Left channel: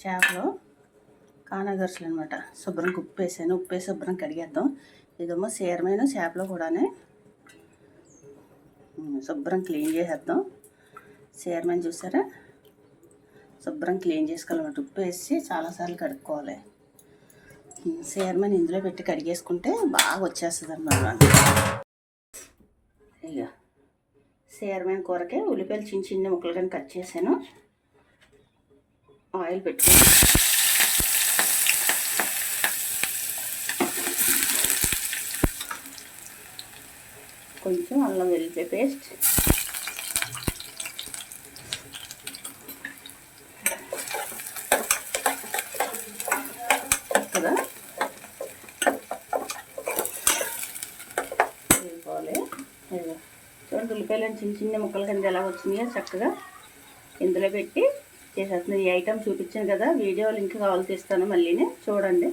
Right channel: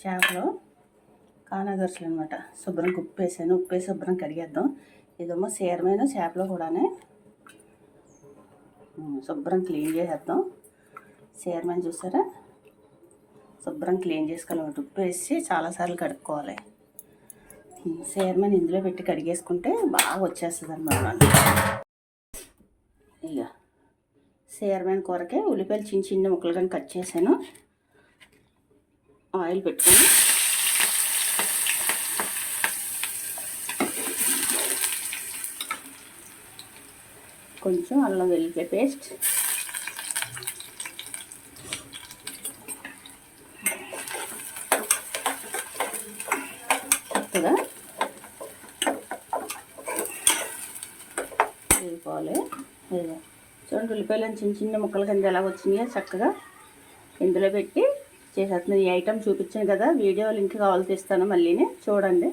చేపలు కానాగరుసలు అనమాట శుభ్రం ఉప్పేసాను ఉప్పేసి ఉప్పు వేసి శుభ్రం కడిగేద్దాం. ఇదేమో సీరమైన చేపలు కూడానే. శుభ్రం క్లీన్ చేసేద్దాం. సీరమైన చూసారా? శుభ్రం క్లీన్ చేసుకోవాలన్నమాట. ఉప్పు వేసి చాలాసార్లు కడుక్కోవాలి. సీరమైన ఇందులో పెట్టి కడిగేసుకుంటే బాగా వచ్చేస్తుంది అనమాట ఇక సీరమైన కూరకే ఉల్లిపాయలు చిన్న చిన్న ముక్కలు కానీ కట్ చేశాను. ఆయిల్ పెట్టుకొని కొంచెం అల్లం వెల్లిపాయ పేస్ట్. చక్కగా వేసుకోవాలి చూడండి ఉల్లిపాయలు చిన్న చిన్న ముక్కల కింద ఎలా వచ్చినాయో చక్కగా ఇందులో పెట్టి చేసేస్తున్నాను ఈ ఐటెం చూపించాను కదా వీడియో లింక్ కావాలి తీస్తాను మళ్ళీనే. చూడండి.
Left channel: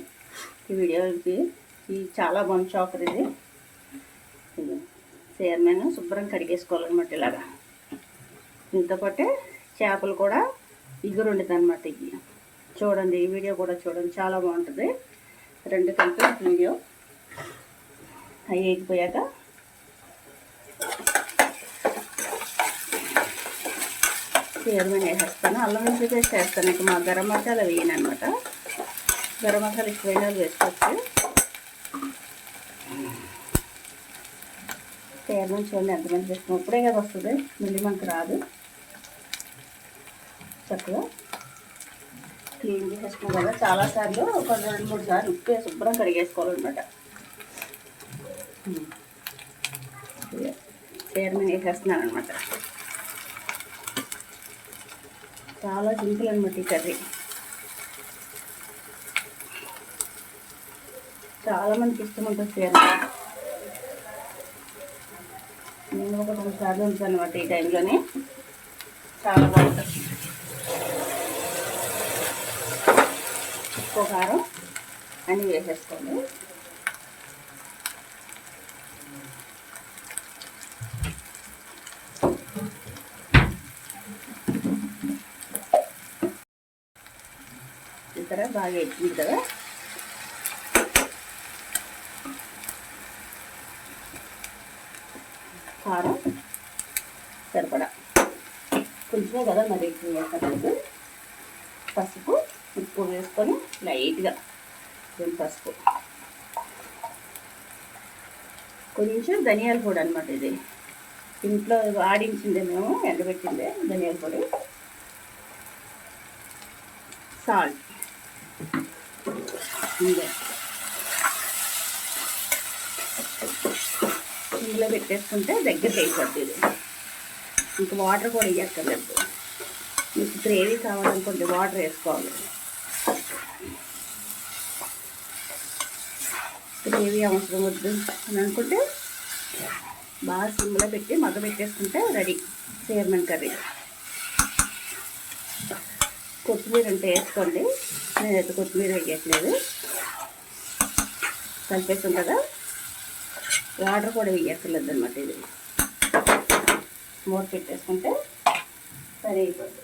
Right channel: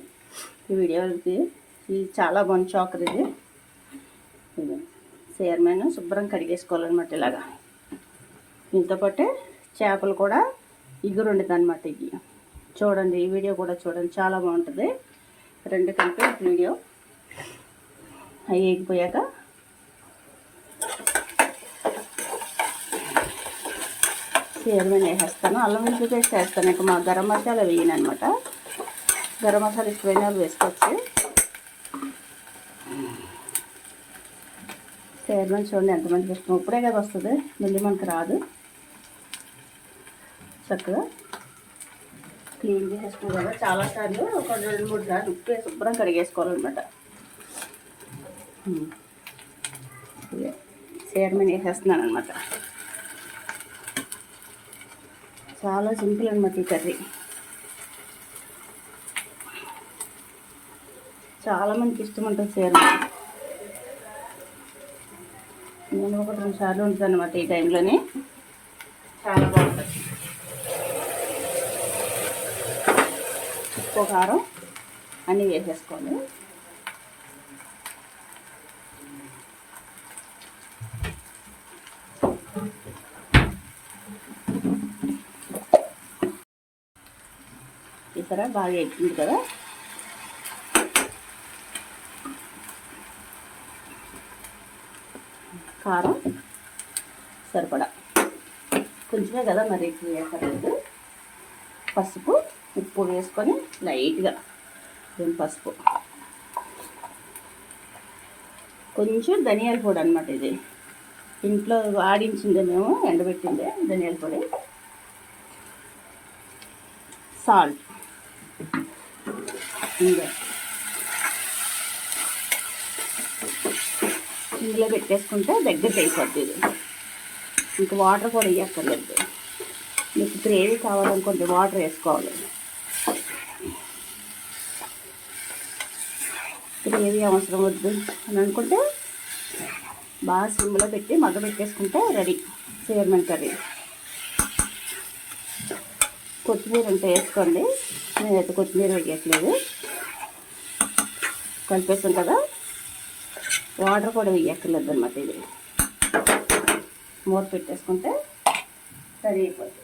ఈ వీడియోకి ఇది. చాలా బాగుంది చాకర్ ఇది. ఇది చైర్మన్ శుభ్రం కడిగేసుకోవాలన్నమాట ఇలాగా. దీంతో పాటే చేపలు కూడా ఇగురు అనమాట ఇది చూడండి ఈ వీడియో కూడా చూడండి. చాలా బాగుంటుంది. రెండు కలిపి వీడియో. అవి వేగిపోయాక ఏదైనా వేసేస్తాను. అల్లం వెల్లుల్లి పేస్ట్ వేస్తాను. ఇక మా గరం మసాలా వేయను అనమాట గరం మసాలా ఇష్టమైన వాళ్ళు వేసుకోవచ్చు ఏదైనా చూడండి ఎంతమంది ఇష్టం ఇప్పుడే కదా వస్తుంది. మళ్ళీ మనకు రాదు. చక్కగా క్లీన్ చేసేసుకున్నాం కదా. చాలాసార్లు ఒక రెండు మూడు సార్లు ఉప్పు వేసి శుభ్రం కడిగేసుకోవాలన్నమాట. చీరమైన వేసేస్తున్నాను అనమాట చాలా సింపుల్ అనమాట ఈ కర్రీ. చాలామందికి ఇష్టం ఉంటుంది చీర నేను ఒక రెండు సార్లు ఉంటాను అనమాట ఈ టైంలోనే. చాలా బాగుంటుంది. ఉప్పు కారం అన్నీ వేసేసుకోండి ఇక్కడ బాగా ఎక్కింది కదా. కారం సరిపడా. కొంచెమే కదా మరి ఎక్కువ వేసుకోలేదు పసుపు ఉప్పు వేసుకొని లైట్గా దీని పసుపు. కొంచెం ధనియాల పొడి అనమాట ఇది. ఇంట్లో ఆడించిందే మేము ఎండబెట్టిందే ధనియాల పొడి. సాల్ట్. ఇంకా ఇందులో పెట్టేసుకుంటే దగ్గరికి అయిపోద్ది ఇది. ఇంకా వాటర్ కూడా వేయక్కర్లేదు. మీకు గ్రేవీ కావాలనుకుంటే వాటర్ వేసుకోవాలి. గ్రేవీ అవసరం వద్దు అని అనుకుంటే బాగా సిమ్లో పెట్టి మగ్గ పెట్టేసుకుంటే రెడీ చీరమన్ కర్రీ. కొత్తిమీర ఉంటే వేసుకోండి. నేనైతే కొత్తిమీర వేయట్లేదు. కలిపేసాం కదా? వాటర్ కూడా వేయక్కర్లేదు అనమాట ఇది. మూత పెట్టేసుకుంటే సరి అయిపోతుంది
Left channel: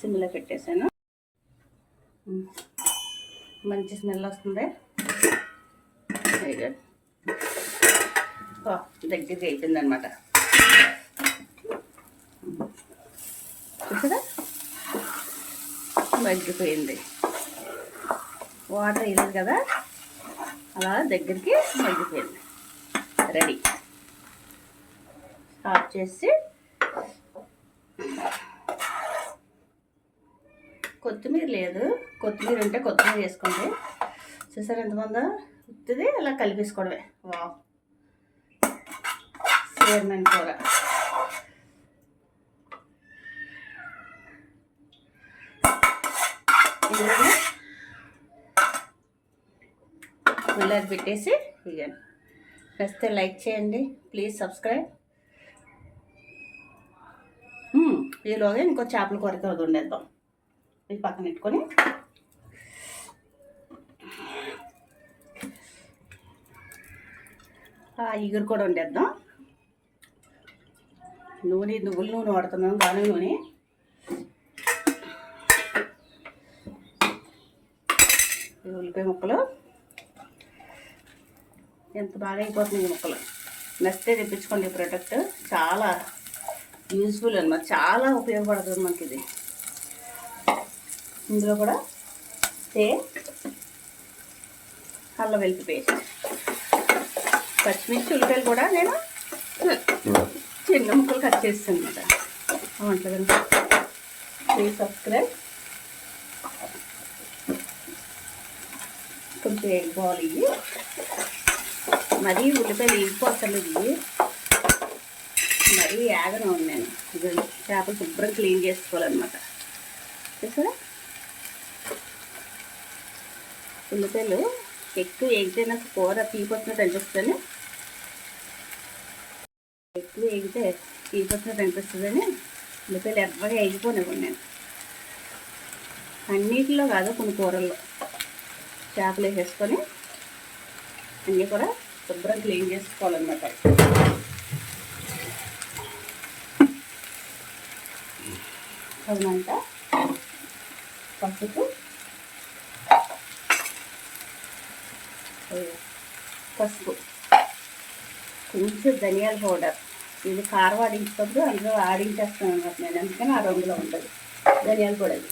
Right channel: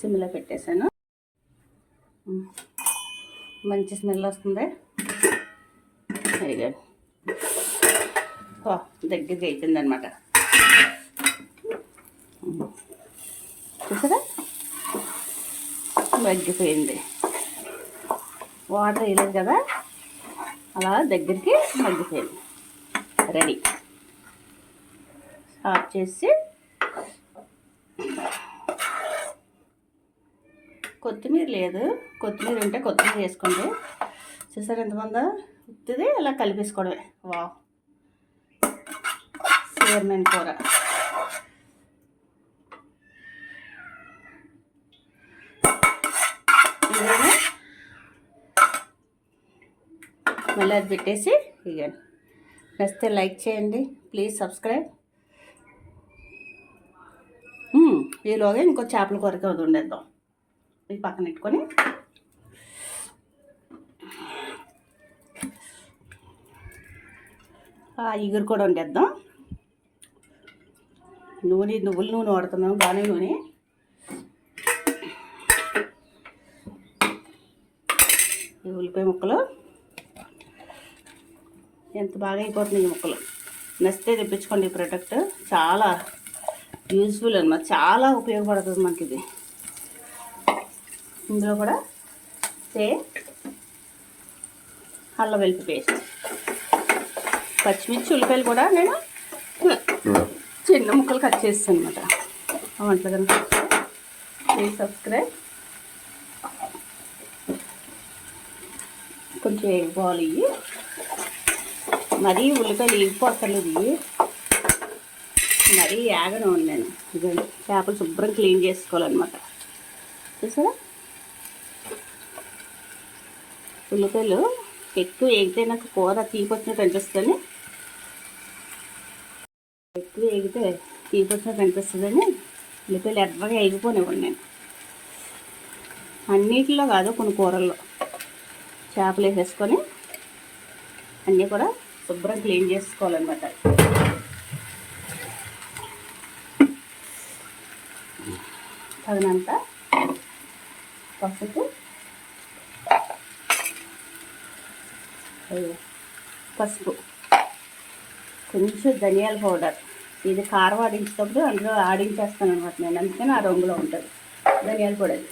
సిమ్లో పెట్టేశాను. మంచి స్మెల్ వస్తుంది. వెరీ గుడ్ దగ్గరికి అయిపోయింది అనమాట చూసారా? మగ్గిపోయింది. వాటర్ వేయలేదు కదా? అలా దగ్గరికి మగ్గిపోయింది. రెడీ. ఆఫ్ చేసి కొత్తిమీర లేదు. కొత్తిమీర ఉంటే కొత్తిమీర వేసుకోండి. చూసారు ఎంతమంది ఉత్తిది అలా కలిపేసుకోవడమే. వావ్. చీరమైన కూర ఇందులోనే మళ్ళీ అది పెట్టేసి ఇక నచ్చితే లైక్ చేయండి ప్లీజ్ సబ్స్క్రైబ్. ఈలోగా ఇంకో చేపల కొరకు అది ఉండేద్దాం ఇది పక్కన పెట్టుకొని. ఇగురు కూడా వండేద్దాం. నూనె నువ్వుల నూనె వాడుతున్నాను దాని నూనె. ఈ ఉల్లిపాయ ముక్కలు. ఎంత బాగా అయిపోతుంది ఈ ముక్కలు. నచ్చితే తెప్పించుకోండి ఈ ప్రోడక్ట్ చాలా యూజ్ఫుల్ అనమాట చాలా ఉపయోగపడుతుంది మనకి ఇది ఇందులో కూడా సే అల్ల వెల్లుల్లి పేస్ట్. పచ్చిమిర్చి ఉల్లిపాయలు కూడా నేను చిన్న ముక్కలు కట్ చేస్తాను అనమాట వంటలు కనుక. Please subscribe. కొంచెం ఎగ్గిపోవాలి ఇవి మరీ ఉల్లిపాయలు ఎగిపోతలేదు ఇవి మరీ యాగను నేను. ఇది చేపలు శుభ్రం క్లీన్ చేసుకోవాలన్నమాట. చూసారా? ఉల్లిపాయలు ఎక్కువ ఎగితే నాకు కూర తీపొచ్చినట్టు అనిపిస్తుంది ఎక్కువ ఎగితే తీపొచ్చినట్టు అనిపిస్తుందని ఉల్లిపాయలు ఎర్రగా ఎగిపోనివ్వండి నేను. అన్నిటిలో కాదు కొన్ని కూరల్లో. చేపలు వేసేసుకొని అన్నీ కూడా శుభ్రం క్లీన్ చేసుకోవాలన్నమాట. తగినంత పసుపు పసుపు కొంచెం ధనియాల పౌడర్. ఇది కారం ఆడించేటప్పుడు అందులో ఆడించేస్తాను అనమాట నేను అందుకని ఆ రంగులో ఉంటుంది. ధనియాల పౌడర్.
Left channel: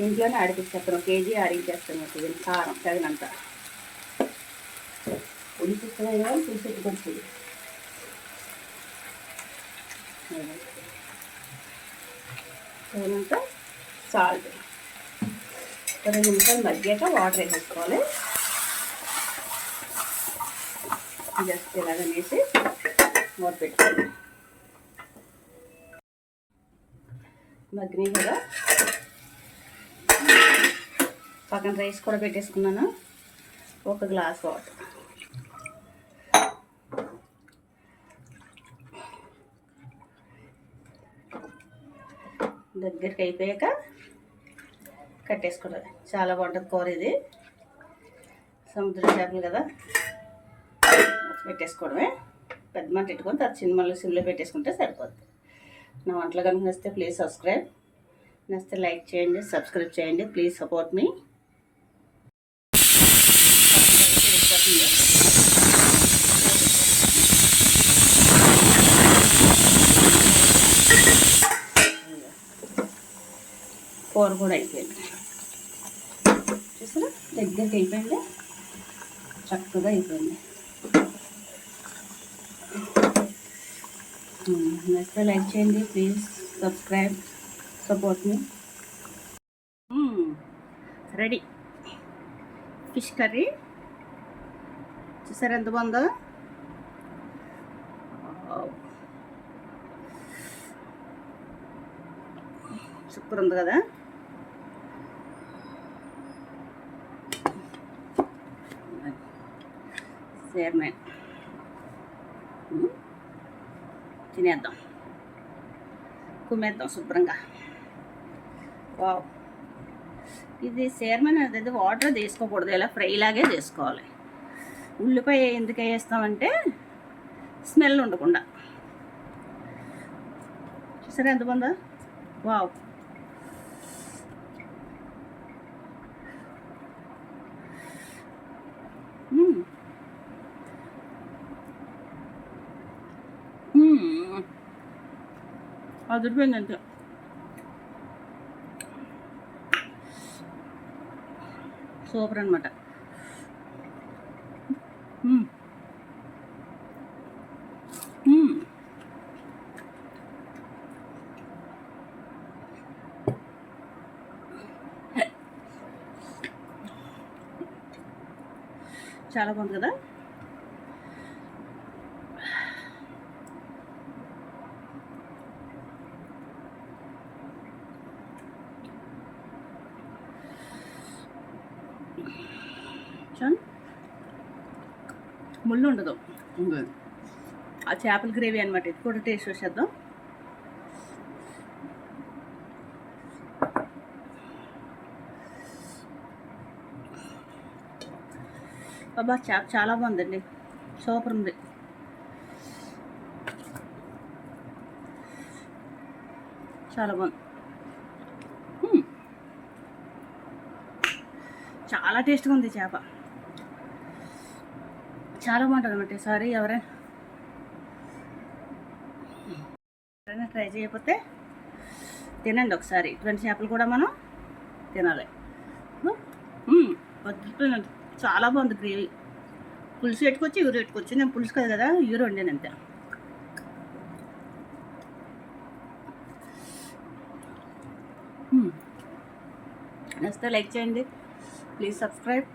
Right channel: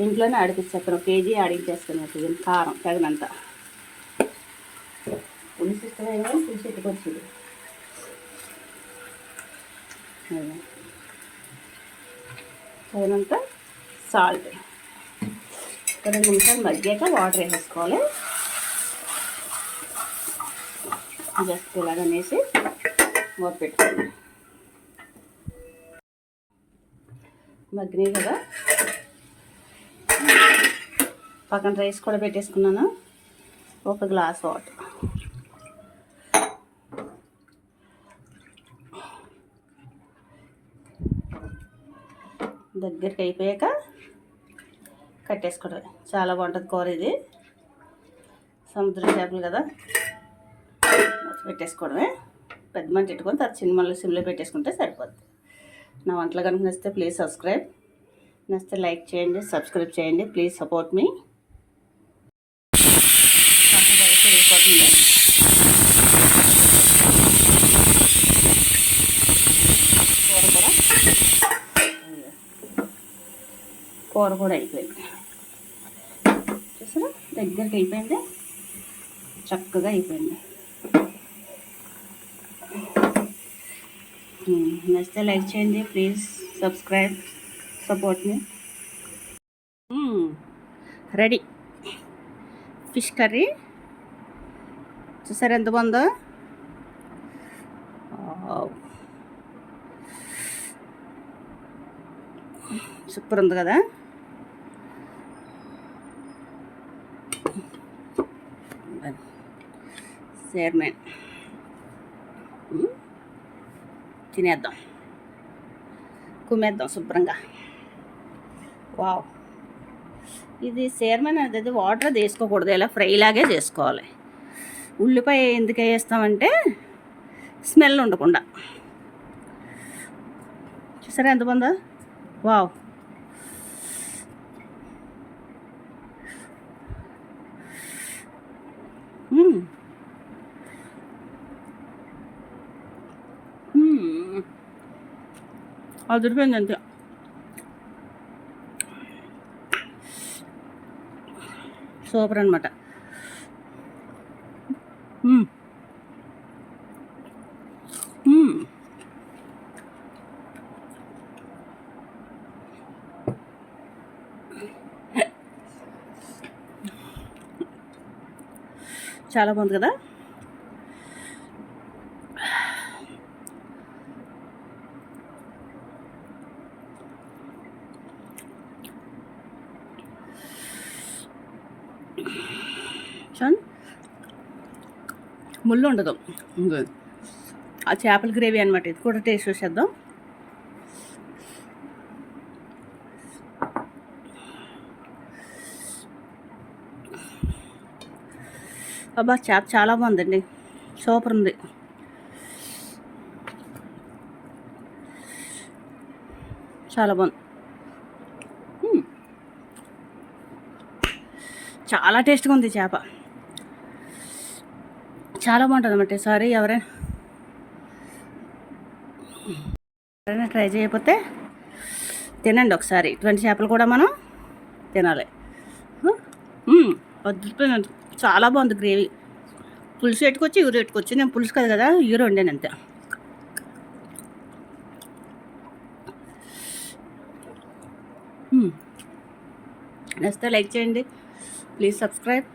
ఇంట్లోనే ఆడిపించేస్తాను కేజీ ఆడించేస్తాను అది కారం తగినంత. ఉడికిస్తున్నాయో తీసేట్టుకొచ్చింది తగినంత సాల్ట్. రెండు నిమిషాలు మగ్గాక వాటర్ వేసేసుకోవాలి. జస్ట్ ఇలాగనేసి మూత పెట్టుకోవాలి. మగ్గినాయి కదా? పక్కన రైస్ కూడా పెట్టేసుకున్నాను. ఒక గ్లాస్ వాటర్. దగ్గరికి అయిపోయాక కట్టేసుకోవడం చాలా బాగుంటుంది కూర ఇది. సముద్ర చేపలు కదా. పెట్టేసుకోవడమే. పెద్ద మంట పెట్టుకొని తర్వాత సినిమాలో సిమ్లో పెట్టేసుకుంటే సరిపోద్ది. నా వంటలు కనుక నచ్చితే ప్లీజ్ సబ్స్క్రైబ్. నచ్చితే లైక్ చేయండి సబ్స్క్రైబ్ చేయండి. Please support me. వెళ్ళిపోతుంది కూర కూడా అయిపోయింది. చూసారా? దగ్గరికి అయిపోయింది. చక్కగా అయిపోయింది. నచ్చితే లైక్ చేయండి please subscribe support me. Ready. Fish curry. చూసారు ఎంత బాగుందో? సూపర్ ఉంది కదా? సేర్మేన్ తినేద్దాం. కుమ్మేద్దాం శుభ్రంగా. వావ్. ఇది సేర్మన్ అనేది వాటర్ తీసుకోకూడదు ఇలా ఫ్రై లాగే చేసుకోవాలి. ఉల్లిపాయ ఎందుకు వేస్తామంటే స్మెల్ ఉండకుండా. చూసారా ఎంత బాగుందా? వావ్. అదిరిపోయింది అంతే. సూపర్ అనమాట చాలా బాగుంది కదా చూడండి ముళ్ళు ఉండదు. ఇంకో ఆ చేపల గ్రేవీ అనమాట ఇది కూడా టేస్ట్ చూసేద్దాం. అబ్బా చేప చాలా బాగుందండి. సూపర్ ఉంది. చాలా బాగుంది. చాలా టేస్ట్గా ఉంది చేప. చాలా బాగుంటుంది అనమాట సారీ ఎవరైనా ఎవరైనా ట్రై చేయకపోతే తినండి ఒకసారి. ఇటువంటి చేపలు కూడా మనం తినాలి. వద్దు అద్భుతమైన చాలా బాగుంది గ్రేవీ. పులుసు పెట్టుకొచ్చి ఊరు పెట్టుకొచ్చి నేను పులుసు కదా కదా ఊరు వండాను అంతే. నచ్చితే లైక్ చేయండి. Please subscribe.